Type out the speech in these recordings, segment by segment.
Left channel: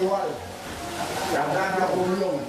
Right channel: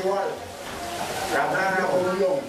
Maliwal. Jangan ada umum.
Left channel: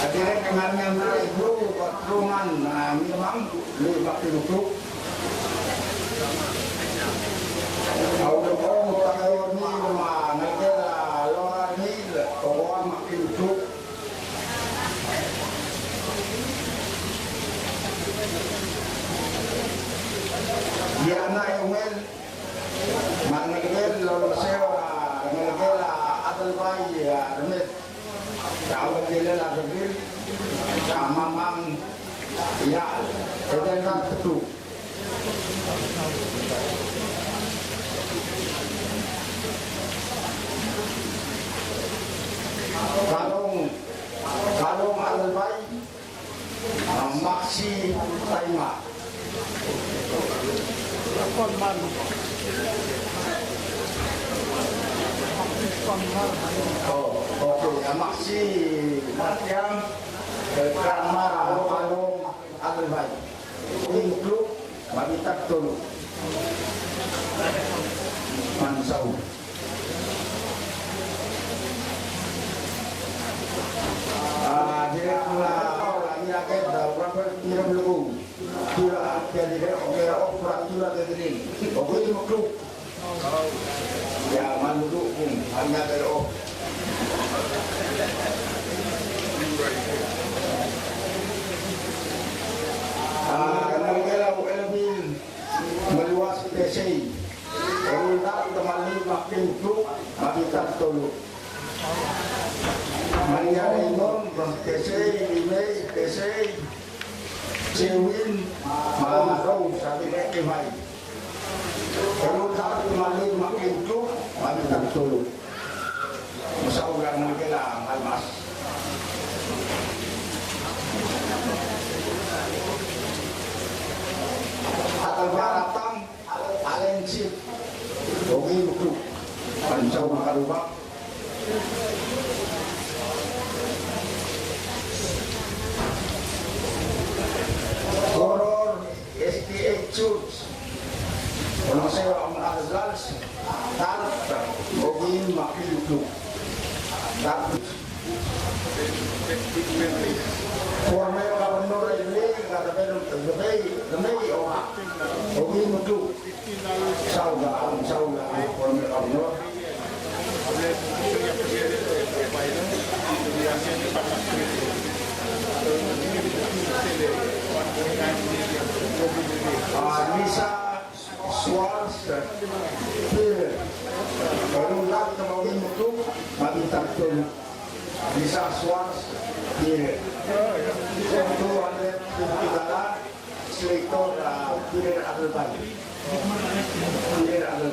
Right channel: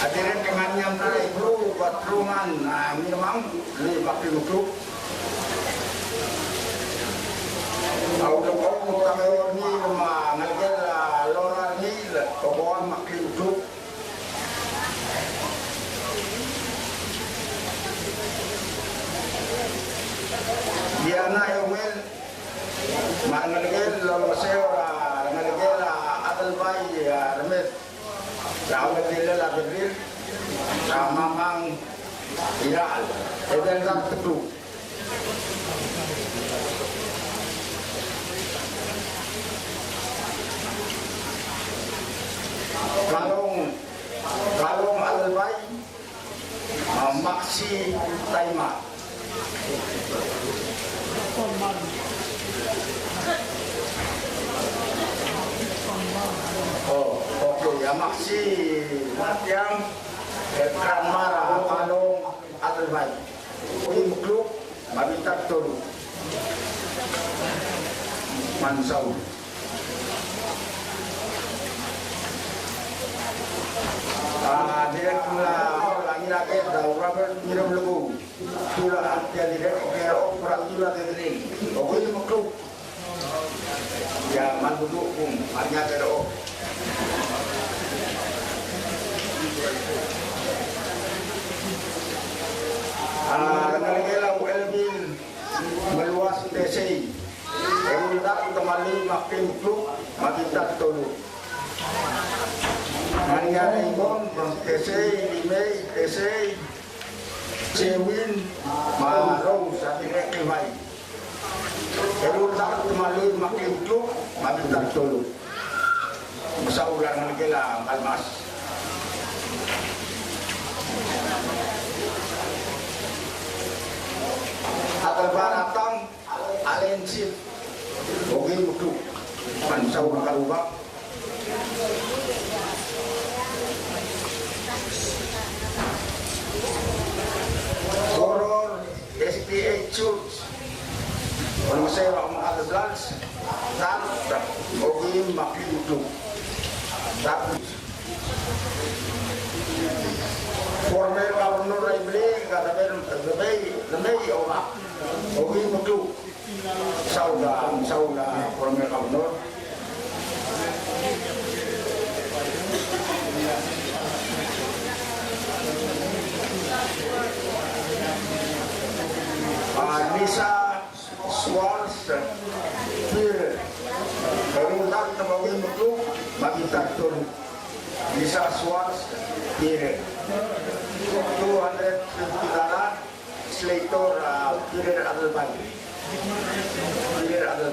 Akhirnya dengan yang boleh bro buat rumah, nah ini memang lebih pakai untuk auto orang pakai ini rumah, negara luar ini orang pakai untuk dia naik men, nah negara luar sewa, negara adal bayi ya, remet. Kalau dia lah berdiri, memang ya, sedang teduh. Kalau hal baik, maksi terima. Oh, oke, ya maksi yang kamar alung ada baik. Untuk baru tak tolong. Mansau. Dia lagi dalam minum lagu. Tulah dia dia orang orang tulah dia. Oke itu makhluk. Yang manduk pun hanya terok. Kalau kita LB meluas PCI, kalau tak kembali makin itu makin tak tolong. Mengenai PCI ini PCI Cewin mau sampai makin baik. Kalau tak kembali makin itu makin tak tolong. Masa orang menghilang almas. Atau datang alensif, oke betul. Mansau makarubah. Horor SDA Church. Kalau saya Azlan, tak oke makin betul. Tak. Suami orang muda ini kata lebih orang, lebih muda, saudara orang kamu. Bisa suara kalau tak kita bagi muda, bagi takkan bisa suara suatu ada tidak selektor tidak ada lagi tidak ada